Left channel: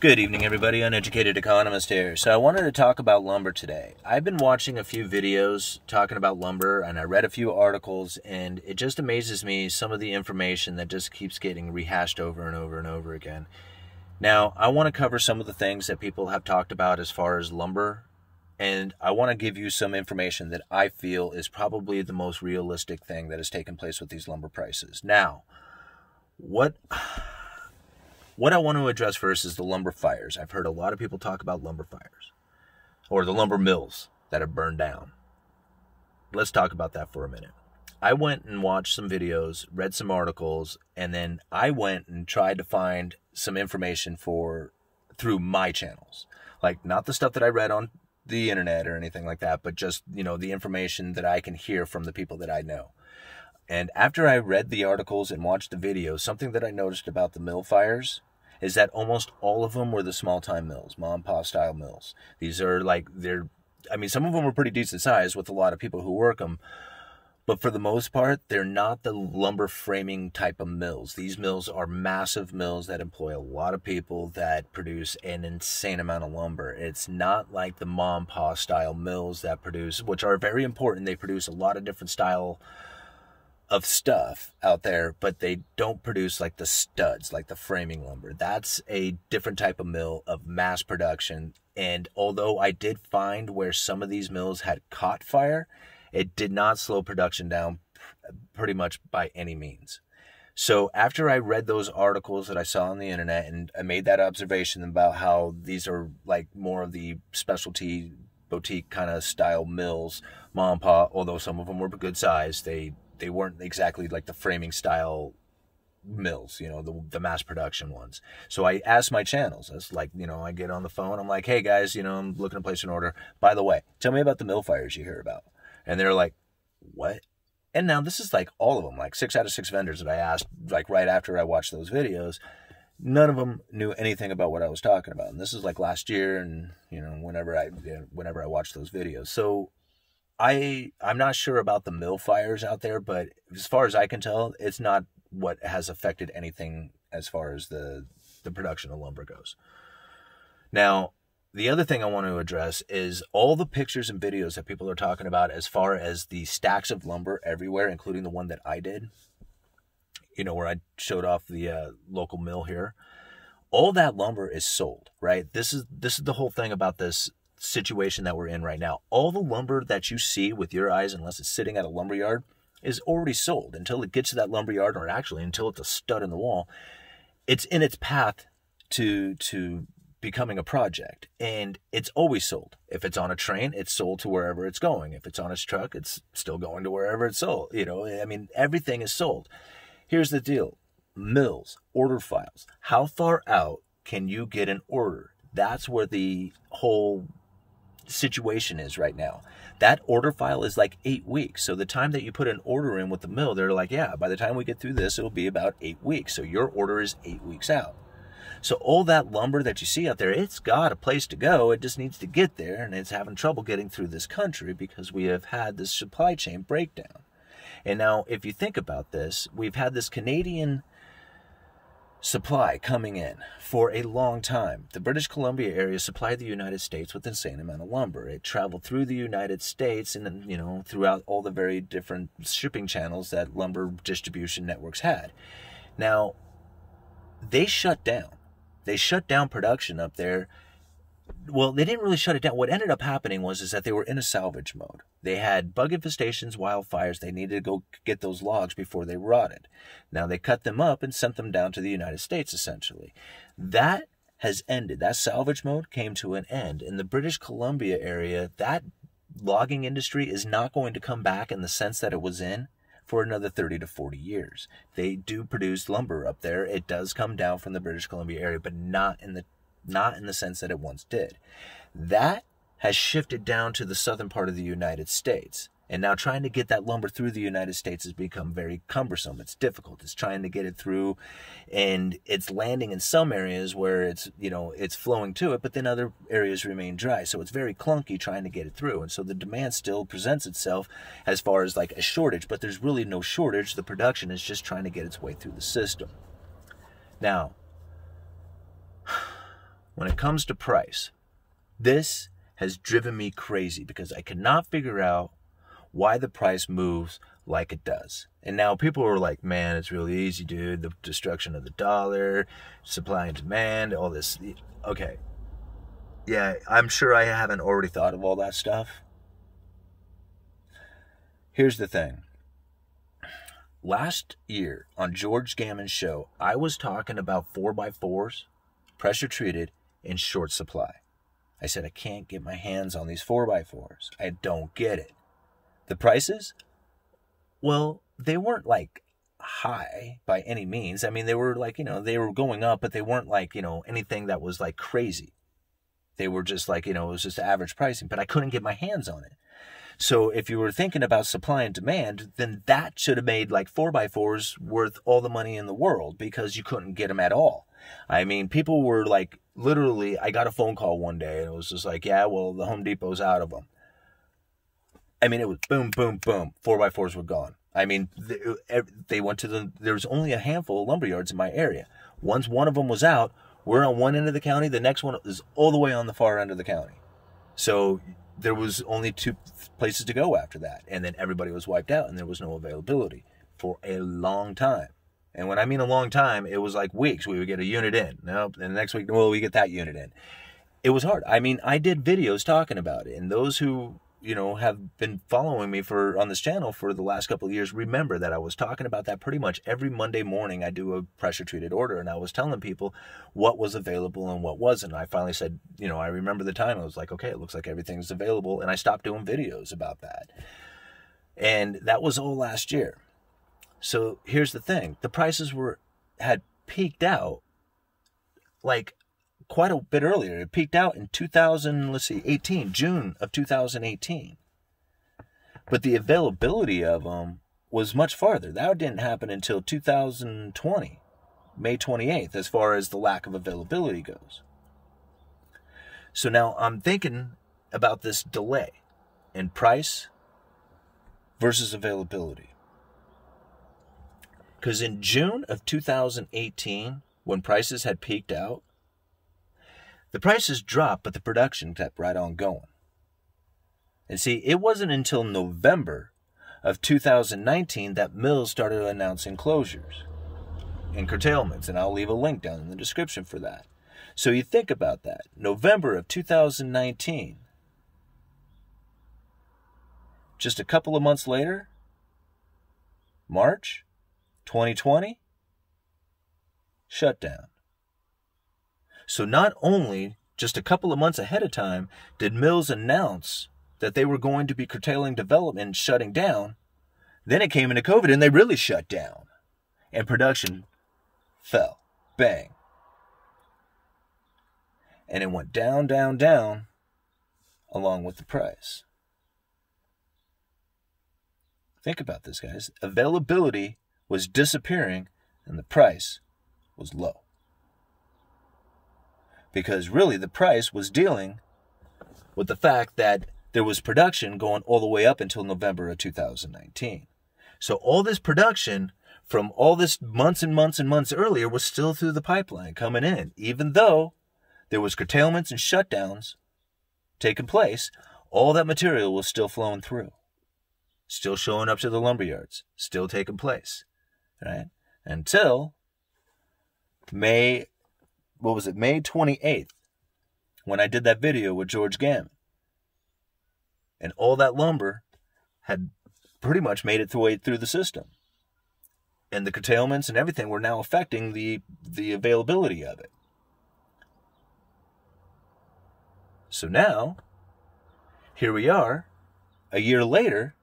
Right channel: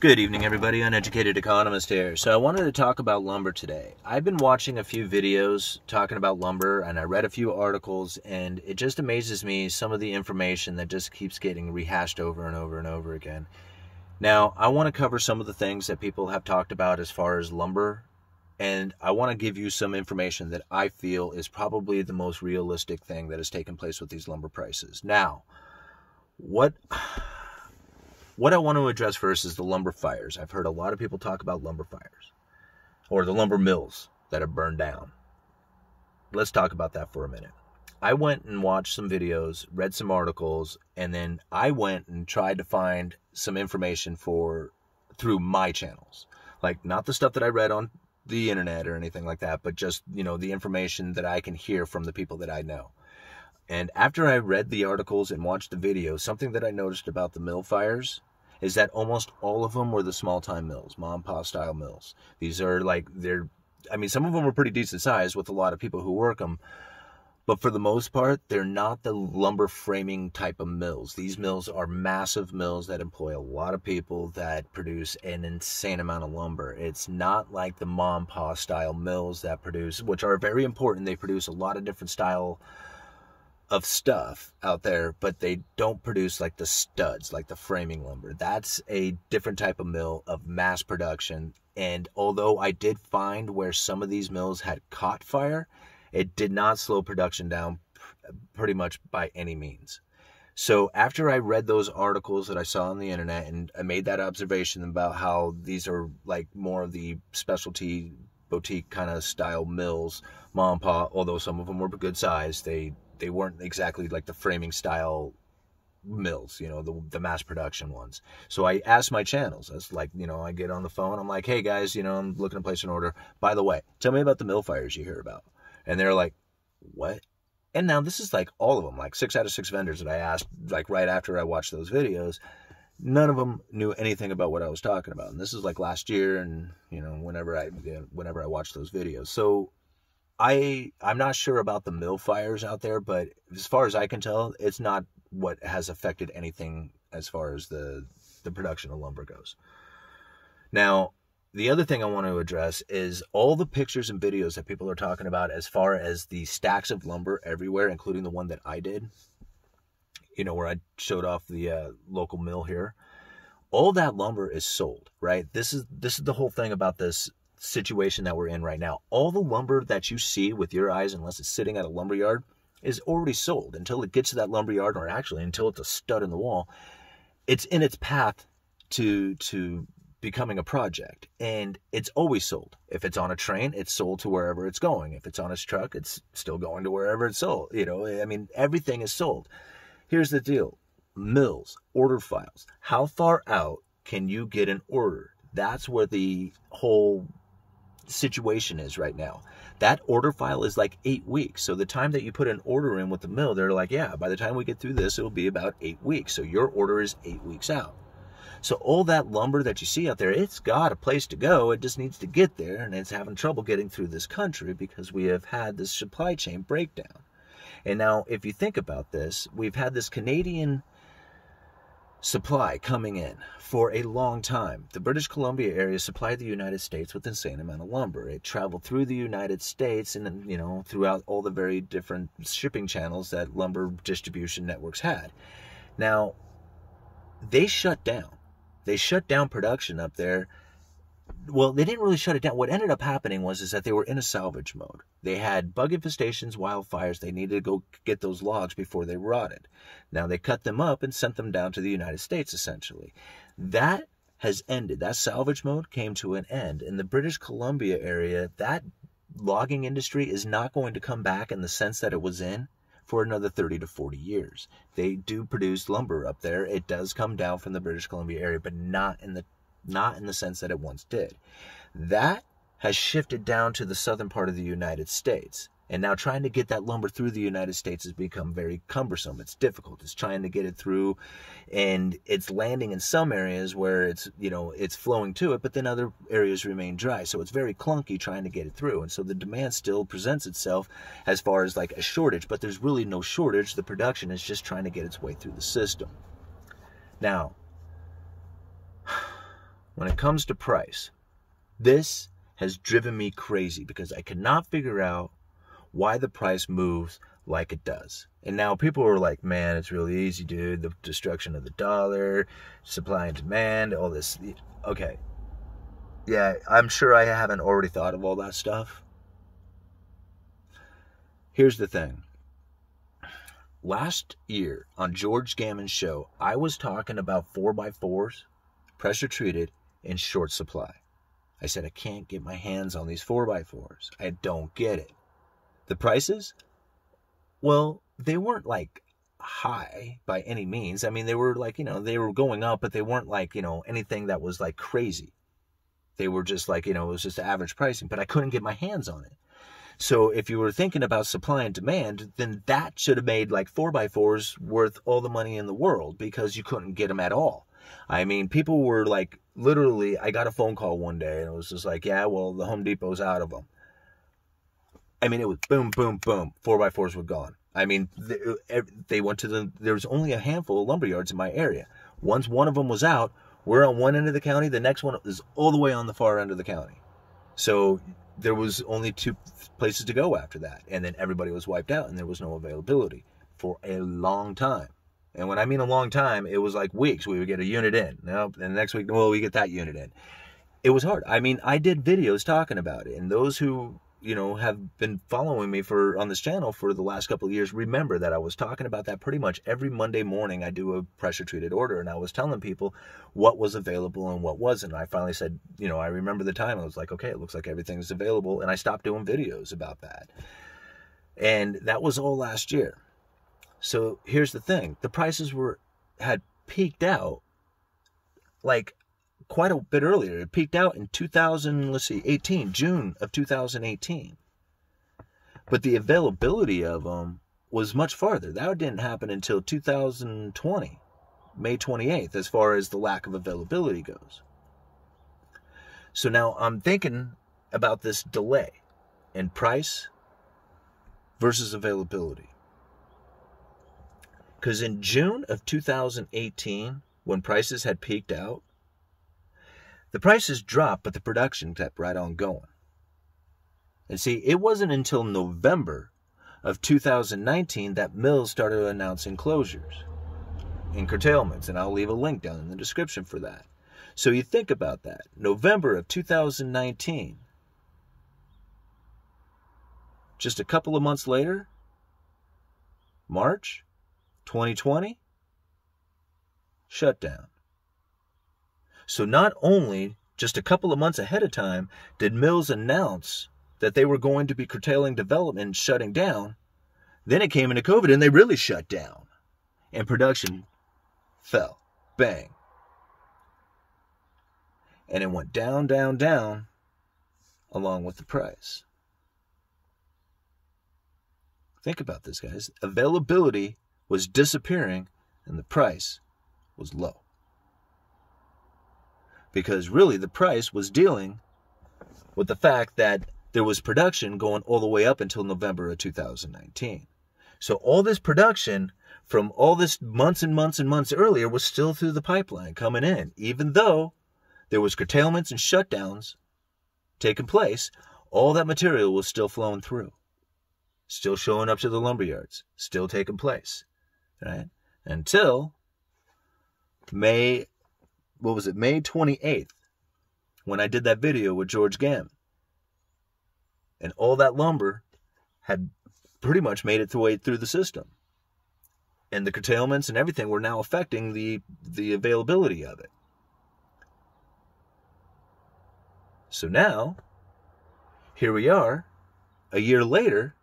Good evening, everybody. Uneducated Economist here. So I wanted to talk about lumber today. I've been watching a few videos talking about lumber, and I read a few articles, and it just amazes me some of the information that just keeps getting rehashed over and over and over again. Now, I want to cover some of the things that people have talked about as far as lumber, and I want to give you some information that I feel is probably the most realistic thing that has taken place with these lumber prices. Now, what I want to address first is the lumber fires. I've heard a lot of people talk about lumber fires or the lumber mills that have burned down. Let's talk about that for a minute. I went and watched some videos, read some articles, and then I went and tried to find some information through my channels. Like, not the stuff that I read on the internet or anything like that, but just, the information that I can hear from the people that I know. And after I read the articles and watched the videos, something that I noticed about the mill fires is that almost all of them were the small-time mills, mom-and-pop style mills. These are some of them are pretty decent size with a lot of people who work them, but for the most part, they're not the lumber framing type of mills. These mills are massive mills that employ a lot of people that produce an insane amount of lumber. It's not like the mom-and-pop style mills that produce, which are very important. They produce a lot of different style of stuff out there, but they don't produce like the studs, like the framing lumber. That's a different type of mill of mass production. And although I did find where some of these mills had caught fire, it did not slow production down pretty much by any means. So after I read those articles that I saw on the internet, and I made that observation about how these are like more of the specialty boutique kind of style mills, mom and pop, although some of them were good size, they weren't exactly like the framing style mills, the mass production ones. So I asked my channels, that's like, I get on the phone, I'm like, hey guys, I'm looking to place an order. By the way, tell me about the mill fires you hear about. And they're like, what? And now this is like all of them, like 6 out of 6 vendors that I asked, like right after I watched those videos, none of them knew anything about what I was talking about. And this is like last year, and whenever I watched those videos. So I'm not sure about the mill fires out there, but as far as I can tell, it's not what has affected anything as far as the production of lumber goes. Now, the other thing I want to address is all the pictures and videos that people are talking about as far as the stacks of lumber everywhere, including the one that I did, where I showed off the local mill here. All that lumber is sold, right? This is the whole thing about this situation that we're in right now. All the lumber that you see with your eyes, unless it's sitting at a lumber yard, is already sold until it gets to that lumber yard, or actually until it's a stud in the wall. It's in its path to becoming a project, and it's always sold. If it's on a train, it's sold to wherever it's going. If it's on a truck, it's still going to wherever it's sold. Everything is sold. Here's the deal. Mills, order files. How far out can you get an order? That's where the whole situation is right now. That order file is like 8 weeks. So the time that you put an order in with the mill, they're like, yeah, by the time we get through this, it'll be about 8 weeks. So your order is 8 weeks out. So all that lumber that you see out there, it's got a place to go. It just needs to get there, and it's having trouble getting through this country because we have had this supply chain breakdown. And now, if you think about this, we've had this Canadian supply coming in for a long time. The British Columbia area supplied the United States with an insane amount of lumber. It traveled through the United States and throughout all the very different shipping channels that lumber distribution networks had. Now, they shut down. They shut down production up there. Well, they didn't really shut it down. What ended up happening was that they were in a salvage mode. They had bug infestations, wildfires. They needed to go get those logs before they rotted. Now they cut them up and sent them down to the United States, essentially. That has ended. That salvage mode came to an end. In the British Columbia area, that logging industry is not going to come back in the sense that it was in for another 30 to 40 years. They do produce lumber up there. It does come down from the British Columbia area, but not in the sense that it once did. That has shifted down to the southern part of the United States. And now trying to get that lumber through the United States has become very cumbersome. It's difficult. It's trying to get it through, and it's landing in some areas where it's flowing to it, but then other areas remain dry. So it's very clunky trying to get it through. And so the demand still presents itself as far as like a shortage, but there's really no shortage. The production is just trying to get its way through the system. Now, when it comes to price, this has driven me crazy because I cannot figure out why the price moves like it does. And now people are like, man, it's really easy, dude. The destruction of the dollar, supply and demand, all this. Okay. Yeah, I'm sure I haven't already thought of all that stuff. Here's the thing. Last year on George Gammon's show, I was talking about 4x4s, pressure treated, in short supply. I said, I can't get my hands on these 4x4s. I don't get it. The prices? Well, they weren't like high by any means. I mean, they were like, they were going up, but they weren't like, anything that was like crazy. They were just like, it was just average pricing, but I couldn't get my hands on it. So if you were thinking about supply and demand, then that should have made like 4x4s worth all the money in the world because you couldn't get them at all. I mean, people were like, literally, I got a phone call one day and it was just like, yeah, well, the Home Depot's out of them. I mean, it was boom, boom, boom. 4x4s were gone. I mean, they went to there was only a handful of lumber yards in my area. Once one of them was out, we're on one end of the county. The next one is all the way on the far end of the county. So there was only 2 places to go after that. And then everybody was wiped out and there was no availability for a long time. And when I mean a long time, it was like weeks. We would get a unit in. Nope. And the next week, well, we get that unit in. It was hard. I mean, I did videos talking about it. And those who, have been following me on this channel for the last couple of years, remember that I was talking about that pretty much every Monday morning. I do a pressure treated order and I was telling people what was available and what wasn't. I finally said, I remember the time I was like, okay, it looks like everything's available. And I stopped doing videos about that. And that was all last year. So here's the thing. The prices had peaked out like quite a bit earlier. It peaked out in 18, June of 2018. But the availability of them was much farther. That didn't happen until 2020, May 28th, as far as the lack of availability goes. So now I'm thinking about this delay in price versus availability. Because in June of 2018, when prices had peaked out, the prices dropped, but the production kept right on going. And see, it wasn't until November of 2019 that mills started announcing closures and curtailments, and I'll leave a link down in the description for that. So you think about that. November of 2019, just a couple of months later, March 2020, shutdown. So not only just a couple of months ahead of time did mills announce that they were going to be curtailing development and shutting down, then it came into COVID and they really shut down. And production fell. Bang. And it went down, down, down along with the price. Think about this, guys. Availability was disappearing and the price was low. Because really the price was dealing with the fact that there was production going all the way up until November of 2019. So all this production from all this months and months and months earlier was still through the pipeline coming in. Even though there was curtailments and shutdowns taking place, all that material was still flowing through. Still showing up to the lumber yards. Still taking place. Right? Until May 28th, when I did that video with George Gammon. And all that lumber had pretty much made its way through the system. And the curtailments and everything were now affecting the availability of it. So now, here we are, a year later,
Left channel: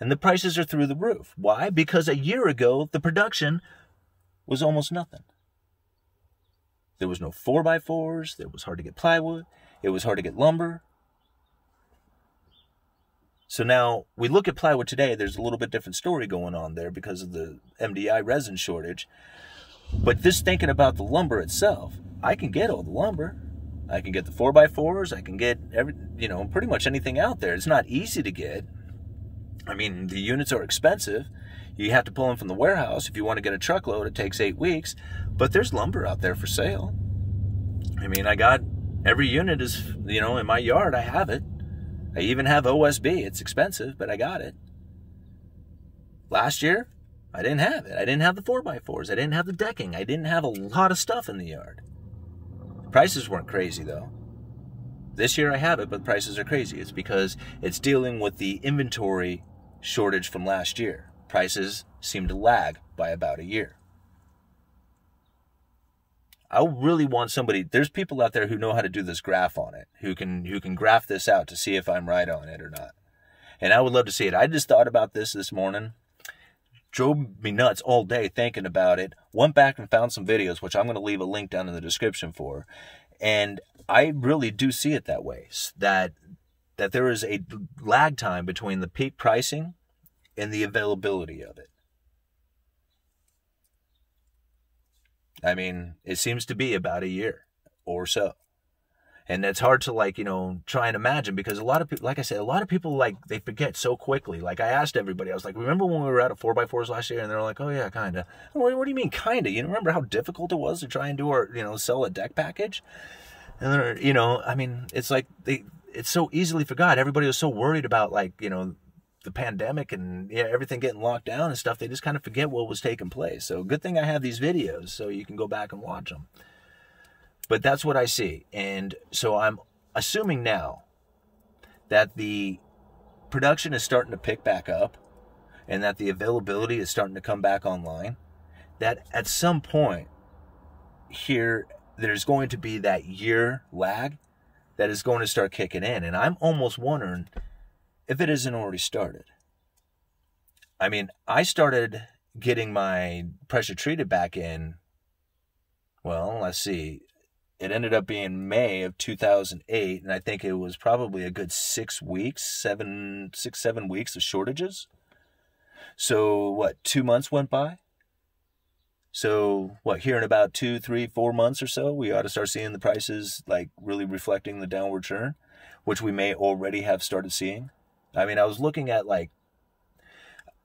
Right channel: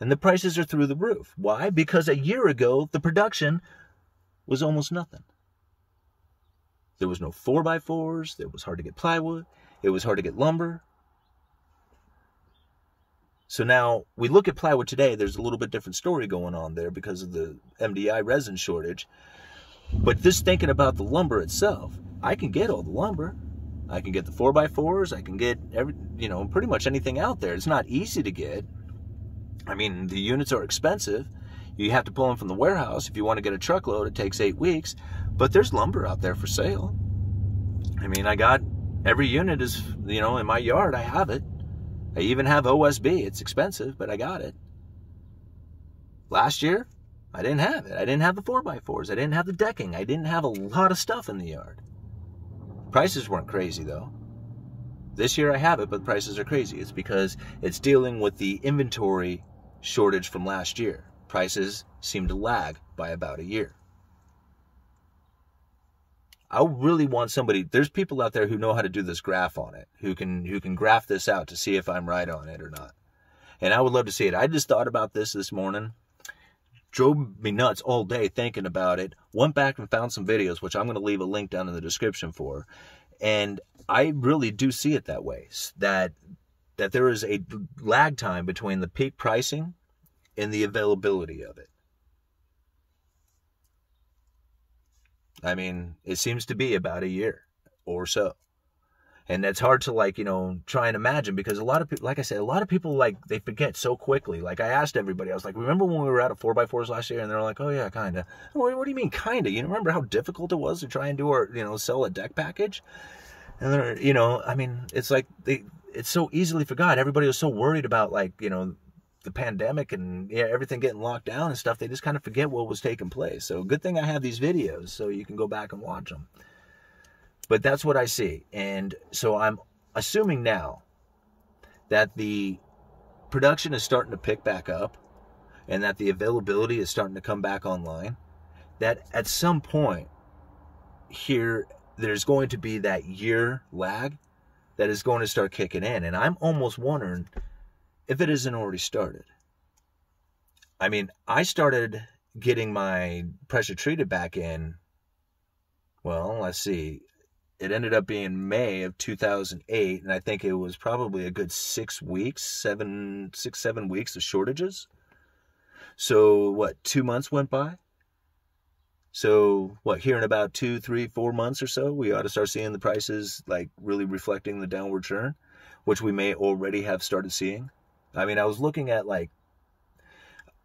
and the prices are through the roof. Why? Because a year ago, the production was almost nothing. There was no 4x4s. It was hard to get plywood. It was hard to get lumber. So now we look at plywood today. There's a little bit different story going on there because of the MDI resin shortage. But just thinking about the lumber itself, I can get all the lumber. I can get the 4x4s. I can get pretty much anything out there. It's not easy to get. I mean, the units are expensive. You have to pull them from the warehouse. If you want to get a truckload, it takes 8 weeks. But there's lumber out there for sale. I mean, I got every unit is, you know, in my yard. I have it. I even have OSB. It's expensive, but I got it. Last year, I didn't have it. I didn't have the 4x4s. I didn't have the decking. I didn't have a lot of stuff in the yard. Prices weren't crazy, though. This year I have it, but prices are crazy. It's because it's dealing with the inventory shortage from last year. Prices seem to lag by about a year. I really want somebody, there's people out there who know how to do this graph on it, who can graph this out to see if I'm right on it or not. And I would love to see it. I just thought about this morning, drove me nuts all day thinking about it, went back and found some videos, which I'm going to leave a link down in the description for. And I really do see it that way, that there is a lag time between the peak pricing and the availability of it. I mean, it seems to be about a year or so. And it's hard to, like, you know, try and imagine, because a lot of people, like I said, a lot of people, like, they forget so quickly. Like, I asked everybody, I was like, remember when we were out of 4x4s last year? And they're like, oh yeah, kind of. What do you mean kind of? You remember how difficult it was to try and do our, you know, sell a deck package? And they're, you know, I mean, it's like it's so easily forgot. Everybody was so worried about, like, you know, the pandemic and everything getting locked down and stuff. They just kind of forget what was taking place. So good thing I have these videos so you can go back and watch them. But that's what I see. And so I'm assuming now that the production is starting to pick back up and that the availability is starting to come back online, that at some point here, there's going to be that year lag that is going to start kicking in. And I'm almost wondering if it isn't already started. I mean, I started getting my pressure treated back in, well, let's see. It ended up being May of 2008, and I think it was probably a good 6 weeks, 7 weeks of shortages. So what, 2 months went by? So what, here in about 2, 3, 4 months or so, we ought to start seeing the prices, like, really reflecting the downward turn, which we may already have started seeing. I mean, I was looking at, like,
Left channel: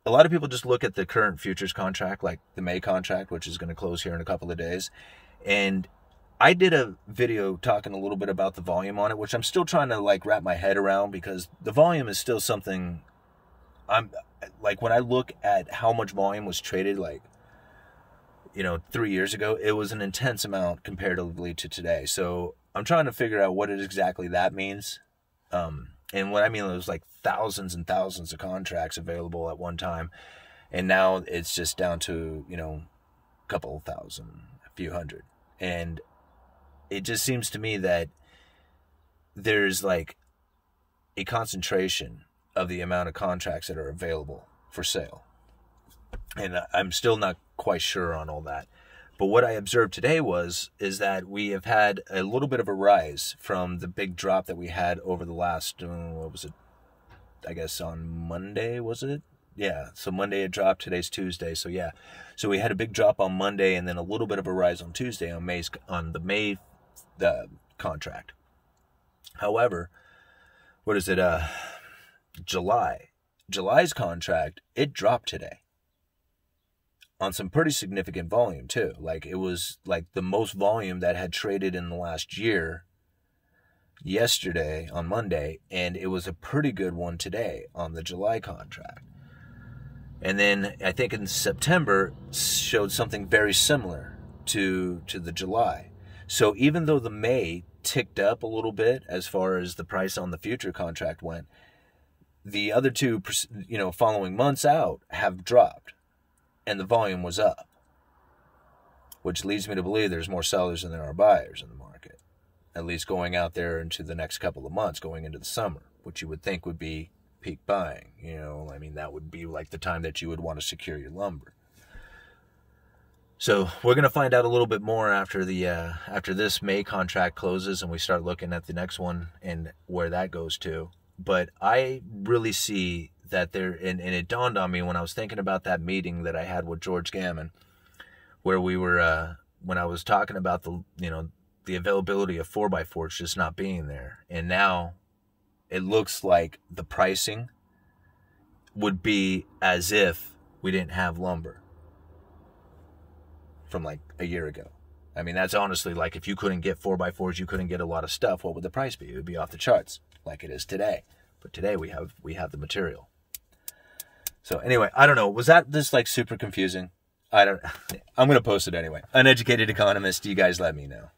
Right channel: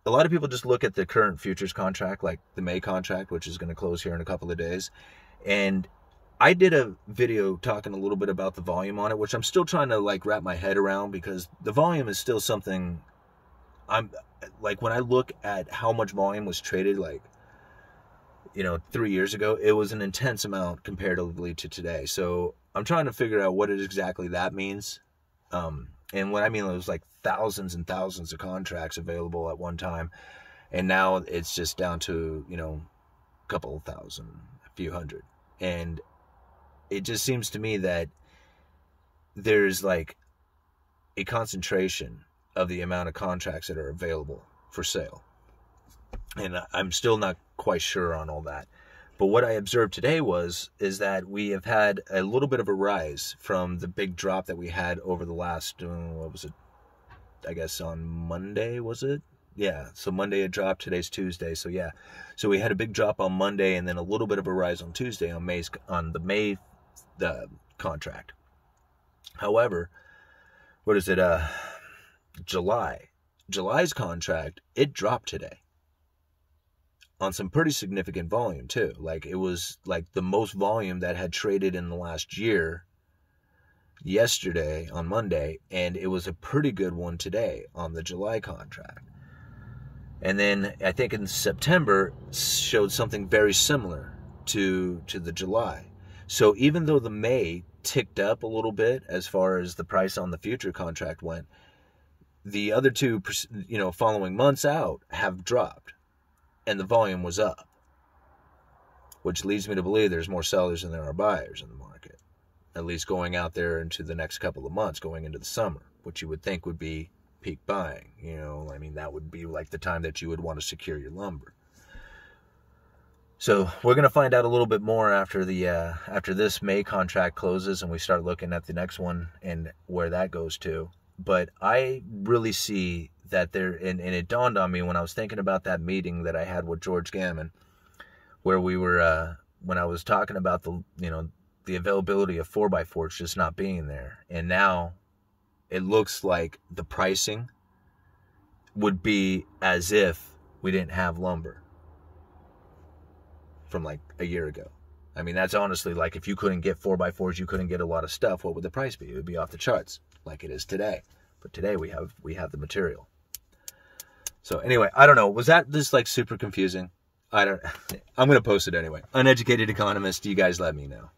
a lot of people just look at the current futures contract, like the May contract, which is going to close here in a couple of days. And I did a video talking a little bit about the volume on it, which I'm still trying to, like, wrap my head around, because the volume is still something I'm, like, when I look at how much volume was traded, like, you know, 3 years ago, it was an intense amount comparatively to today. So I'm trying to figure out what exactly that means. And what I mean is, like, thousands and thousands of contracts available at one time. And now it's just down to, you know, a couple thousand, a few hundred. And it just seems to me that there's, like, a concentration of the amount of contracts that are available for sale. And I'm still not quite sure on all that. But what I observed today is that we have had a little bit of a rise from the big drop that we had over the last, what was it? I guess on Monday, was it? Yeah, so Monday it dropped, today's Tuesday, so yeah. So we had a big drop on Monday and then a little bit of a rise on Tuesday on the May contract. However, what is it, July's contract, it dropped today on some pretty significant volume too. Like, it was like the most volume that had traded in the last year yesterday on Monday, and it was a pretty good one today on the July contract. And then I think in September showed something very similar to the July. So even though the May ticked up a little bit as far as the price on the future contract went, the other two, you know, following months out have dropped, and the volume was up, which leads me to believe there's more sellers than there are buyers in the market, at least going out there into the next couple of months, going into the summer, which you would think would be peak buying. You know, I mean, that would be like the time that you would want to secure your lumber. So we're going to find out a little bit more after this May contract closes and we start looking at the next one and where that goes to. But I really see that there, and it dawned on me when I was thinking about that meeting that I had with George Gammon, where we were, when I was talking about the, you know, the availability of 4x4s just not being there. And now it looks like the pricing would be as if we didn't have lumber from like a year ago. I mean, that's honestly like if you couldn't get 4x4s, you couldn't get a lot of stuff, what would the price be? It would be off the charts like it is today. But today we have the material. So anyway, I don't know. Was that just like super confusing? I'm going to post it anyway. Uneducated Economist, you guys let me know.